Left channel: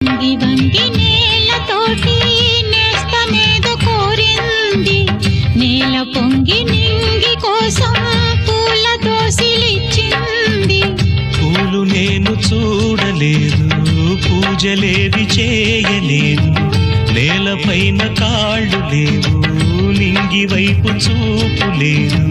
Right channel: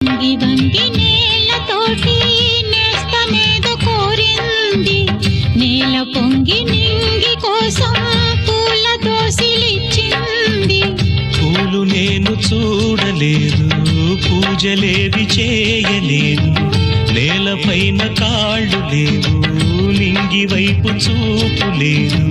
వంగి వంగి నేలతోటి నేస్తమేదో కోరింది, నేల పొంగి నింగి కోసం పూల దోసిలిచ్చింది. పూలు నేను చూడలేదు, పూజలేవి చేయలేదు, నేలపైన కాళ్ళు లేవు, నింగి వైపు చూపు లేదు.